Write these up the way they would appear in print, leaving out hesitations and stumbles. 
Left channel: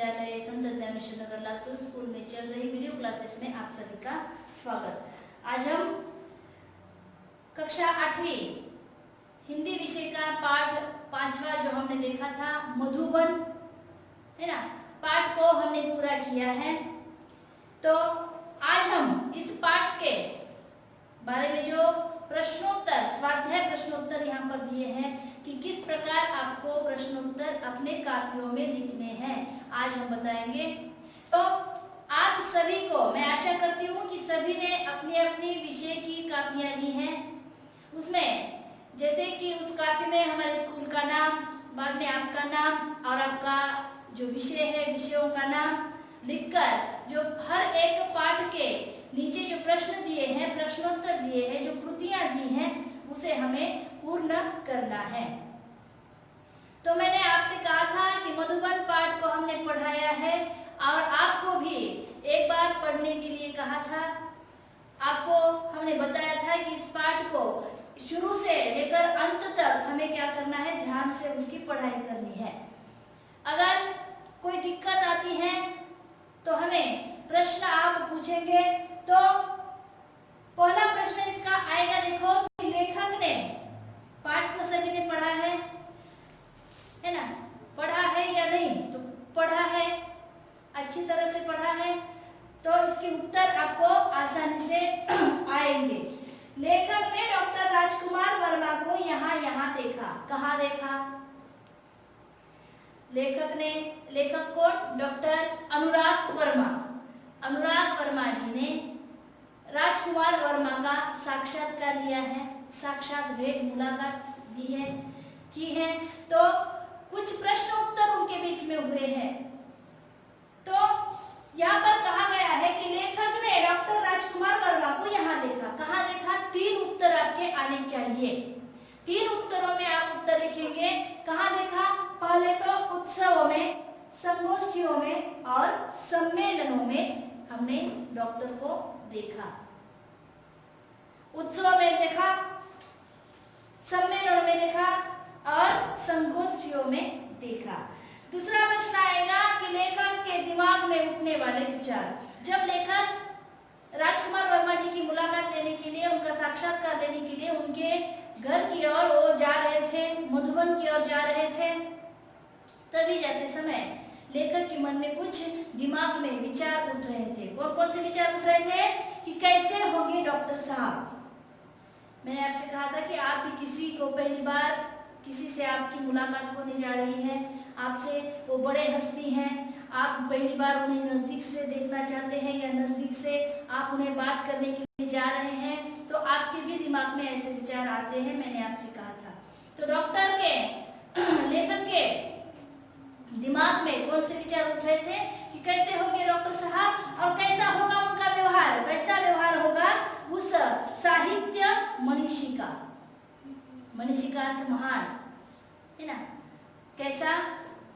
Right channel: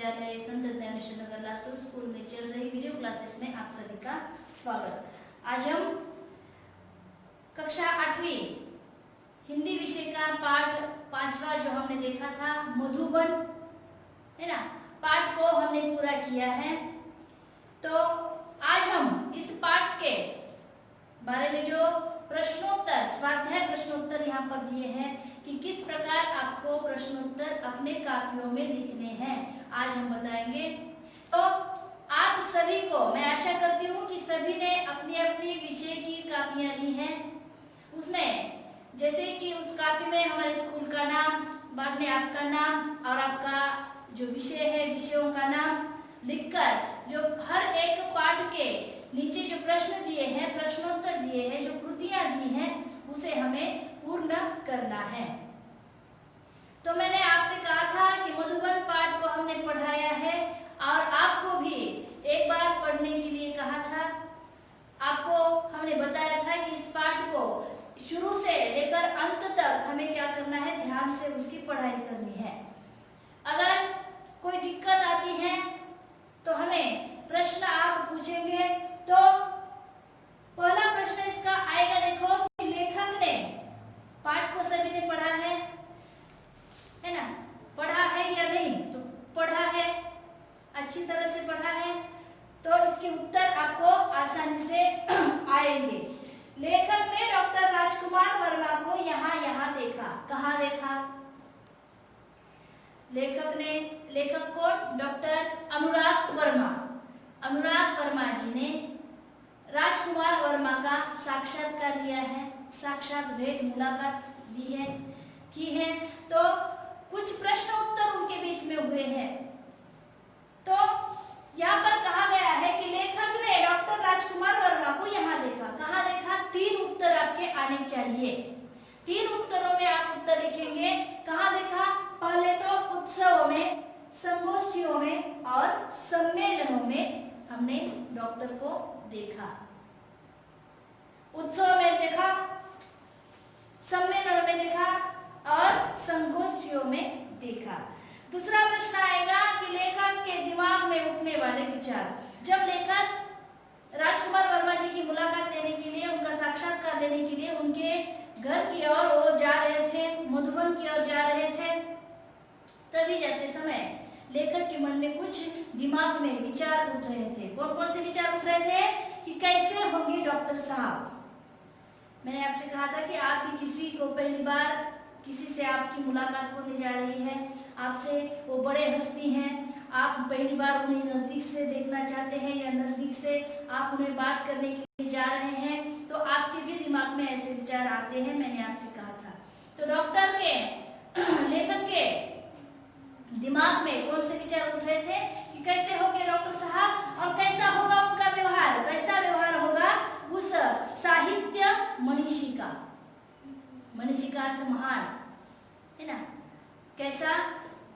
विद्यालय संत ज्ञानेश्वर नगर लातूर स्कूल में चल रही वीडियो क्लासेस में आप सभी का स्वागत। आज हम कक्षा 8वीं हिंदी विषय का पाठ 5वां जो हमने देखा था मधुबन है ना, पाठ को हमने पूरा किया है। तो आज हम इस पाठ के बारे में जो प्रश्नोत्तर स्वाध्याय प्रश्नोत्तर यहाँ पर दिए हैं कि किस प्रकार आपको प्रश्नोत्तर अपने कापियों में लिखने हैं, आज हम बताएंगे। तो आप सभी को मैं आशा करती हूँ कि सभी ने अपनी अपनी विषय की कापियाँ ली हैं। उसमें जैसे कि उस कापी में हमारे स्कूल का नाम, बाद में आपका नाम और आपका जो विषय है विषयों का नाम लिखकर जो हर एक पाठ के नीचे जो प्रश्न दिए हैं, प्रश्नोत्तर दिए हैं, जो कृतियां दी हैं, उसे हमें पूर्ण करना है। तो मैंने आपसे कहा था कि मधुबन पाठ को हमने पढ़ाया है और आपको भी एक बार पढ़ने के लिए कहा था। आपको हमने बताया था कि इस पाठ को शुरू से लेकर अंत तक हमें क्या करना है, ध्यान से उसकी पढ़ाई करनी है। अगर कोई दिक्कत आती है तो हमें प्रश्न आप पूछेंगे। तो पहला प्रश्न इसका आएगा, देखो कि लेखक ने पाठ को सभी ने पढ़ा है ना, पढ़ा है या नहीं? तो पढ़ा है, अच्छी तरह से पढ़ा है, तो इसके उत्तर आपको आसानी से आएंगे। लेखक ने डॉक्टर राजकुमार वर्मा को यहाँ देखा। कहाँ देखा? लेखक को डॉक्टर अनुराग वर्मा जी ने राजकुमार वर्मा का साक्षात्कार लिया है, साक्षात भेंट मुलाकात दी है की है। तो कुछ प्रश्न उत्तर उनके बीच में हुए हैं। तो यहाँ पर कहा गया है कि लेखक ने डॉक्टर राजकुमार वर्मा को यहाँ देखा। कहाँ देखा? 3 उत्तर आपके आने चाहिए। 3 उत्तरों में आप उत्तर लिखेंगे। कहाँ देखा? पहले तो उत्सवों में, संगोष्ठियों में और सम्मेलनों में हमने डॉक्टर को देखा। उत्सव में देखा, सम्मेलन में देखा और संगोष्ठियों में देखा। दूसरा प्रश्न आएगा कि लेखक के दिमाग में उठने वाले विचार। जब लेखक राजकुमार वर्मा जी की मुलाकात लेने के लिए, उनका साक्षात्कार लेने के लिए उनके घर की ओर वो जा रहे थे, मधुबन की ओर जा रहे थे, तभी जाते समय लेखक के मन में कुछ दिमाग में विचार उठ रहे थे। कौन कौन से विचार उठ रहे थे? कि कैसे होंगे डॉक्टर साहब। मैंने आपसे कहा था कि आप भी किसी को पहली बार किसी से आपकी मुलाकात होने जा रही है, आपसे वो बड़े हस्ती हैं, आप पहली बार उन्हें नजदीक से देखना चाहते हैं या नजदीक से आप उन्हें बात करने के लिए जा रहे हैं, तो आपके भी दिमाग में ऐसे विचार आते हैं, मैंने आपसे कहा था। तो डॉक्टर के लेखक के दिमाग में कौन से विचार उठ रहे थे कि कैसे होंगे डॉक्टर साहब और कैसा होगा उनका व्यवहार, कैसा व्यवहार होगा उस साहित्य मनीषिका से महान है ना, कैसा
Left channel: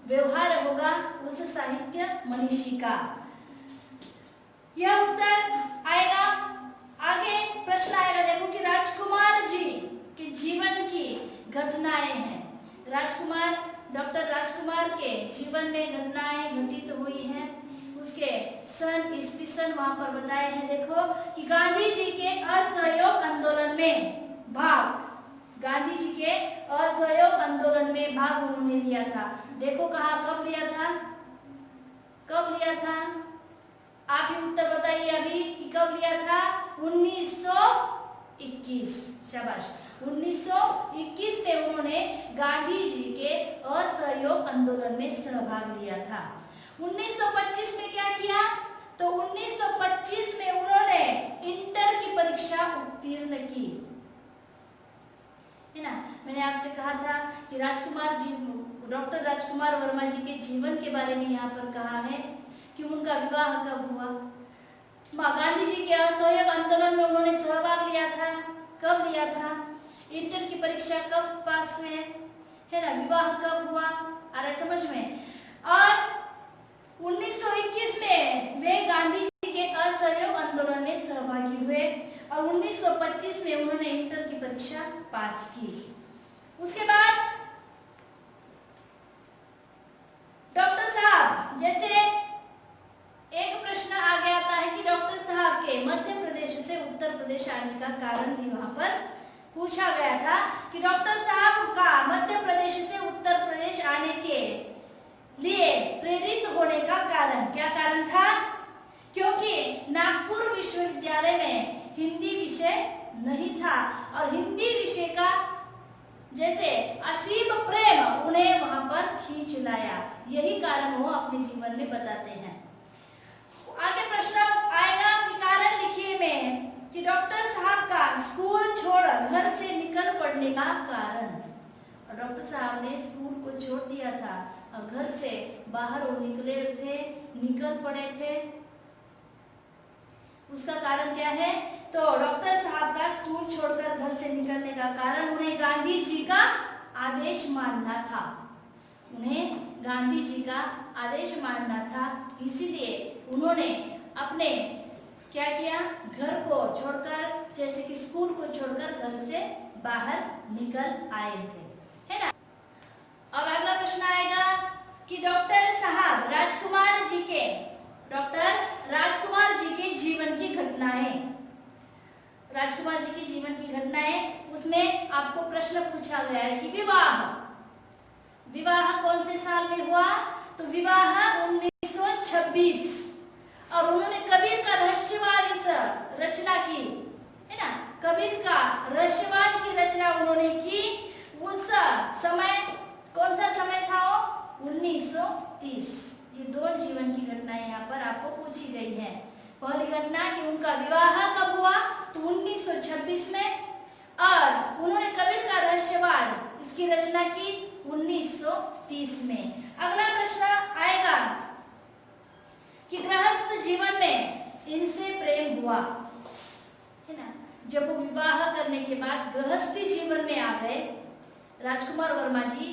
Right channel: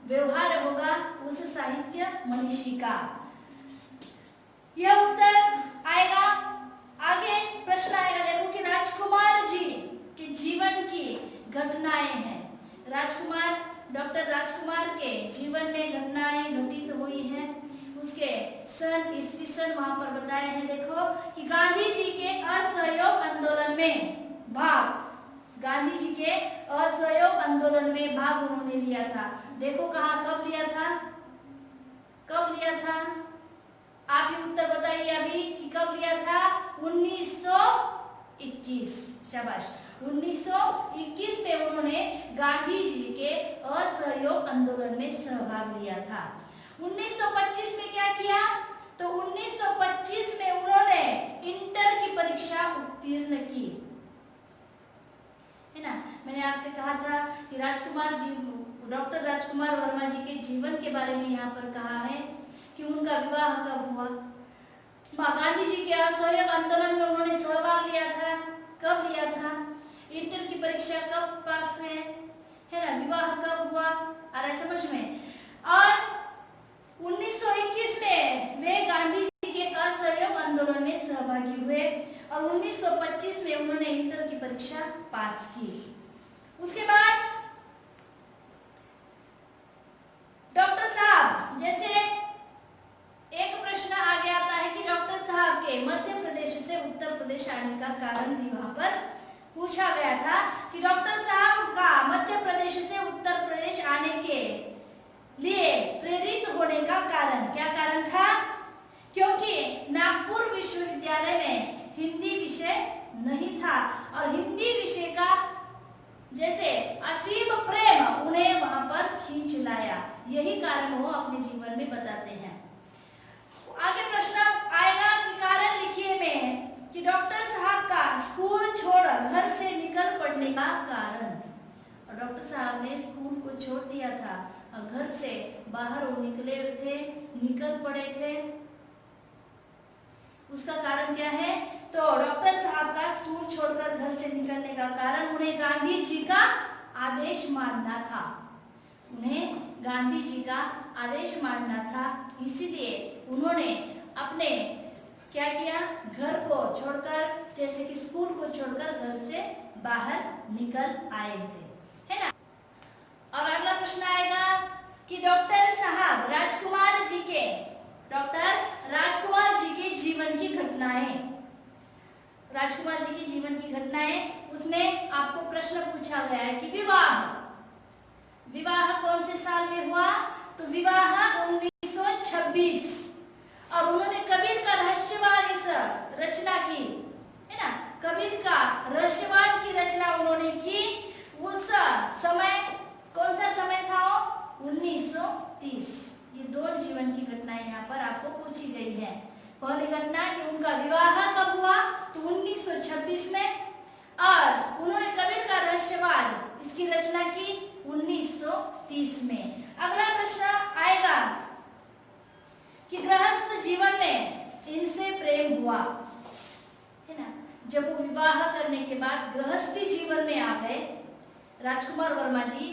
व्यवहार होगा उस साहित्य मनीषिका। यह उत्तर आएगा। आगे प्रश्न आएगा, देखो कि राजकुमार जी के जीवन की घटनाएं हैं। डॉक्टर राजकुमार के जीवन में घटनाएं घटित हुई हैं, उसके सन ईस्वी सन वहां पर बताए हैं। देखो कि गांधी जी के असहयोग आंदोलन में भाग, गांधी जी के असहयोग आंदोलन में भाग उन्होंने लिया था। देखो कहाँ, कब लिया था? कब लिया था? आप ही उत्तर बताइए अभी कि कब लिया था? 1921। शाबाश। 1921 में उन्होंने गांधी जी के असहयोग आंदोलन में सहभाग लिया था। 1925 में क्या किया? तो 1925 में उन्होंने इंटर की परीक्षा उत्तीर्ण की, है ना। मैंने आपसे कहा था कि डॉक्टर राजकुमार वर्मा जी के जीवन के बारे में यहाँ पर कहा है कि उनका विवाह कब हुआ, गांधी जी के असहयोग आंदोलन में उन्होंने सहभाग लिया था, कब लिया था, इंटर की परीक्षा कब पास हुए, है ना, विवाह कब हुआ, आ रहा है समझ में। और 1921 में वे गांधी जी के असहयोग आंदोलन में सहभागी हुए और 1925 में उन्होंने इंटर की परीक्षा पास की। उसके बाद डॉक्टर साहब जैसे का कारण भी वहां पर पूछा गया था कि डॉक्टर साहब का मध्य प्रदेश से उत्तर प्रदेश आने के लिए प्रेरित होने का कारण क्या कारण था? क्योंकि नागपुर विश्वविद्यालय में हिंदी विषय नहीं था और हिंदी विषय का जैसे असीम प्रेम उन्हें वहां पर खींच लाया। यही कारण वो अपने जीवन में बताते हैं। आगे प्रश्न आएगा कि कारण लिखिए में कि डॉक्टर साहब का स्कूल छोड़ घर से निकल पड़ने का कारण। और डॉक्टर साहब ने स्कूल को छोड़ दिया था और घर से बाहर वो निकल पड़े थे। उसका कारण क्या है? तो डॉक्टर साहब का स्कूल छोड़कर घर से निकलने का कारण उन्हें गांधी जी का आदेश मानना था। उन्हें गांधी जी का आदेश मानना था, इसीलिए उन्होंने अपने क्या किया, घर को छोड़कर, जैसे कि स्कूल को छोड़कर घर से बाहर निकल आए थे, है ना। और अगला प्रश्न आएगा कि डॉक्टर राजकुमार जी के जीवन की घटनाएं। राजकुमार जी के जीवन की घटनाएं, उसमें आपको प्रश्न पूछा गया है कि विवाह कौन से साल में हुआ? तो विवाह 1926। और उन्होंने कबीर का रहस्यवाद इस रचना की, है ना। कबीर का रहस्यवाद की रचना उन्होंने की। उस समय कौन सा समय था वो? 1930। ये दोनों जीवन की घटनाएं यहाँ पर आपको पूछी गई है। पहली घटना कि उनका विवाह कब हुआ? तो 1926 में। और उन्होंने कबीर का रहस्यवाद इसकी रचना की 1930 में। अगला प्रश्न आएगा कि गृहस्थ जीवन में इनसे प्रेम हुआ, है ना। जब वो विवाह करने के बाद गृहस्थी जीवन में आ गए, राजकुमार वर्मा जी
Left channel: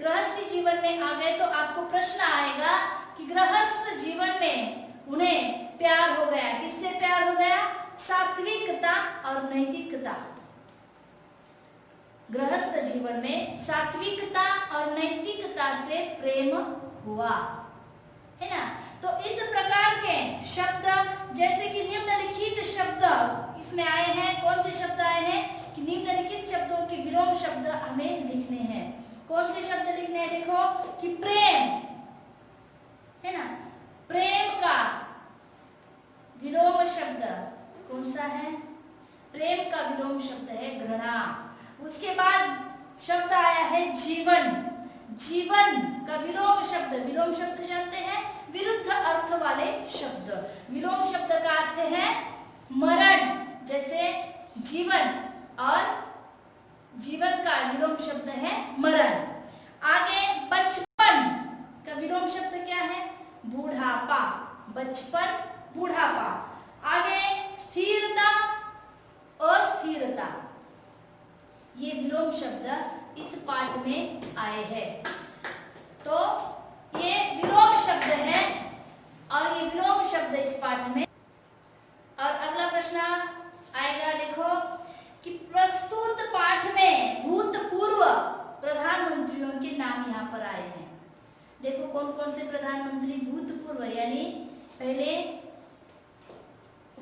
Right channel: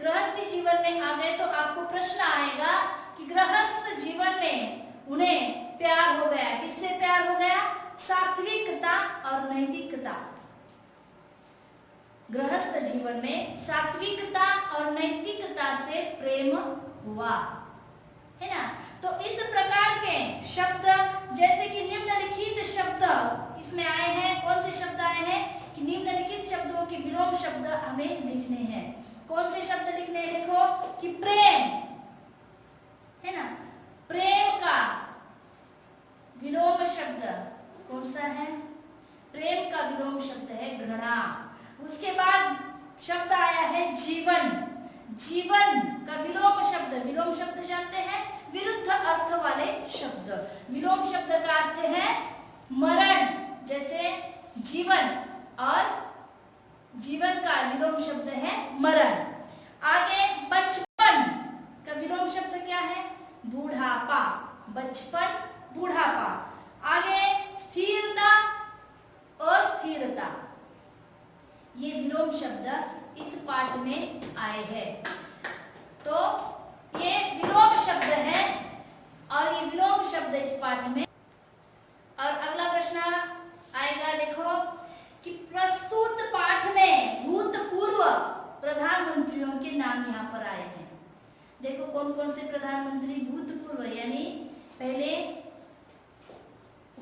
गृहस्थी जीवन में आ गए, तो आपको प्रश्न आएगा कि गृहस्थ जीवन में उन्हें प्यार हो गया। किससे प्यार हो गया? सात्विकता और नैतिकता। गृहस्थ जीवन में सात्विकता और नैतिकता से प्रेम हुआ, है ना। तो इस प्रकार के शब्द, जैसे कि निम्नलिखित शब्द इसमें आए हैं। कौन से शब्द आए हैं? कि निम्नलिखित शब्दों के विलोम शब्द हमें लिखने हैं। कौन से शब्द लिखने हैं? देखो कि प्रेम, है ना। प्रेम का विलोम शब्द कौन सा है? प्रेम का विलोम शब्द है घृणा। उसके बाद शब्द आया है जीवन। जीवन का विलोम शब्द जानते हैं? विरुद्ध अर्थ वाले शब्द। विलोम शब्द का अर्थ है मरण, जैसे जीवन, और जीवन का विलोम शब्द है मरण। आगे बचपन का विलोम शब्द क्या है? बूढ़ापा। बचपन, बूढ़ापा। आगे स्थिरता, अस्थिरता। ये विलोम शब्द इस पाठ में आए हैं। तो ये विलोम शब्द है और ये विलोम शब्द इस पाठ में। और अगला प्रश्न आएगा, देखो कि प्रस्तुत पाठ में भूतपूर्व प्रधानमंत्रियों के नाम यहाँ पर आए हैं। देखो कौन कौन से प्रधानमंत्री भूतपूर्व यानी पहले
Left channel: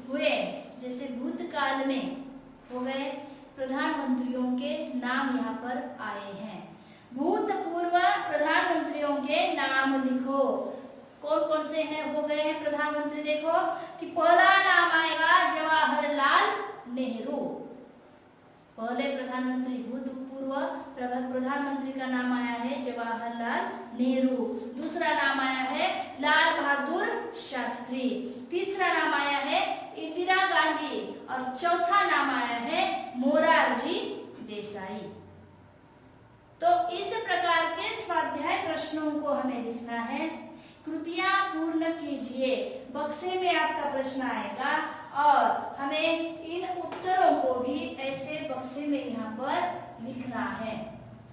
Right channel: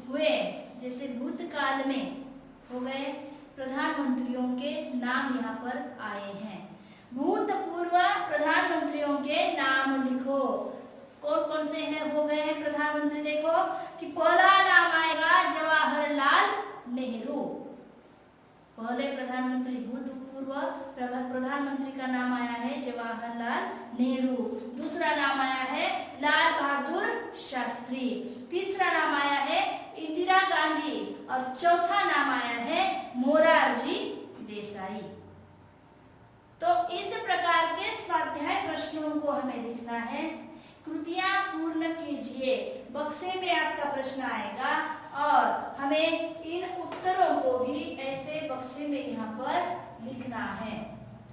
हुए, जैसे भूतकाल में हो गए प्रधानमंत्रियों के नाम यहाँ पर आए हैं। भूतपूर्व प्रधानमंत्रियों के नाम लिखो। कौन कौन से हैं हो गए हैं प्रधानमंत्री? देखो कि पहला नाम आएगा जवाहरलाल नेहरू। पहले प्रधानमंत्री, भूतपूर्व प्रधानमंत्री का नाम आया है जवाहरलाल नेहरू। दूसरा नाम आया है लाल बहादुर शास्त्री। तीसरा नाम आया है इंदिरा गांधी और चौथा नाम आया है मोरारजी देसाई। तो इस प्रकार के स्वाध्याय प्रश्नों को हमें लिखना है। कृतियां पूर्ण कीजिए। बक्से में आपका प्रश्न आएगा और हमें इन उत्तरों को भी ऐसे बक्से में यहाँ पर लिखना है।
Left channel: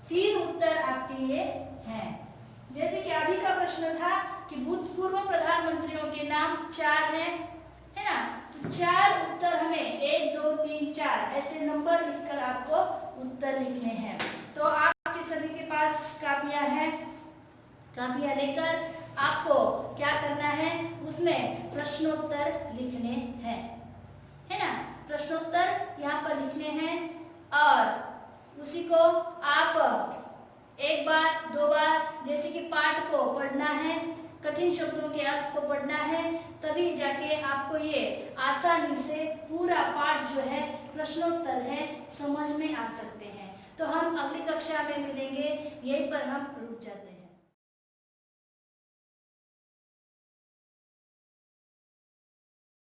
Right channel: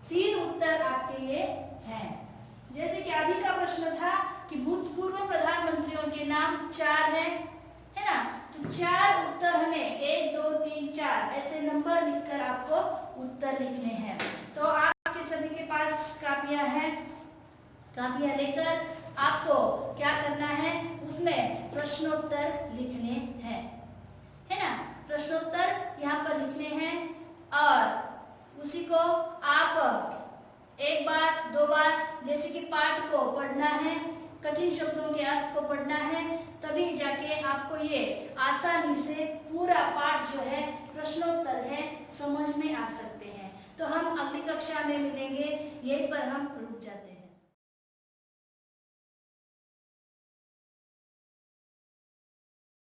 3 उत्तर आपके ये हैं। जैसे कि अभी का प्रश्न था कि भूतपूर्व प्रधानमंत्रियों के नाम 4 हैं, है ना। तो 4 उत्तर हमें 1 2 3 4 ऐसे नंबर लिखकर आपको उत्तर लिखने हैं। तो आपके सभी के पास कापियां हैं। कापियां लेकर आपको क्या करना है, उसमें प्रश्नोत्तर लिखने हैं, है ना। प्रश्नोत्तर यहाँ पर लिखने हैं और उसी को आप एक बार दो बार जैसे कि पाठ को पढ़ना है, कठिन शब्दों के अर्थ को पढ़ना है, तभी जाके आपको ये आसानी से पूरा पाठ जो है प्रश्नोत्तर है समझ में आ सकते हैं। तो हम अगली कक्षा में मिलेंगे, यहीं पर हम रुक जाते हैं।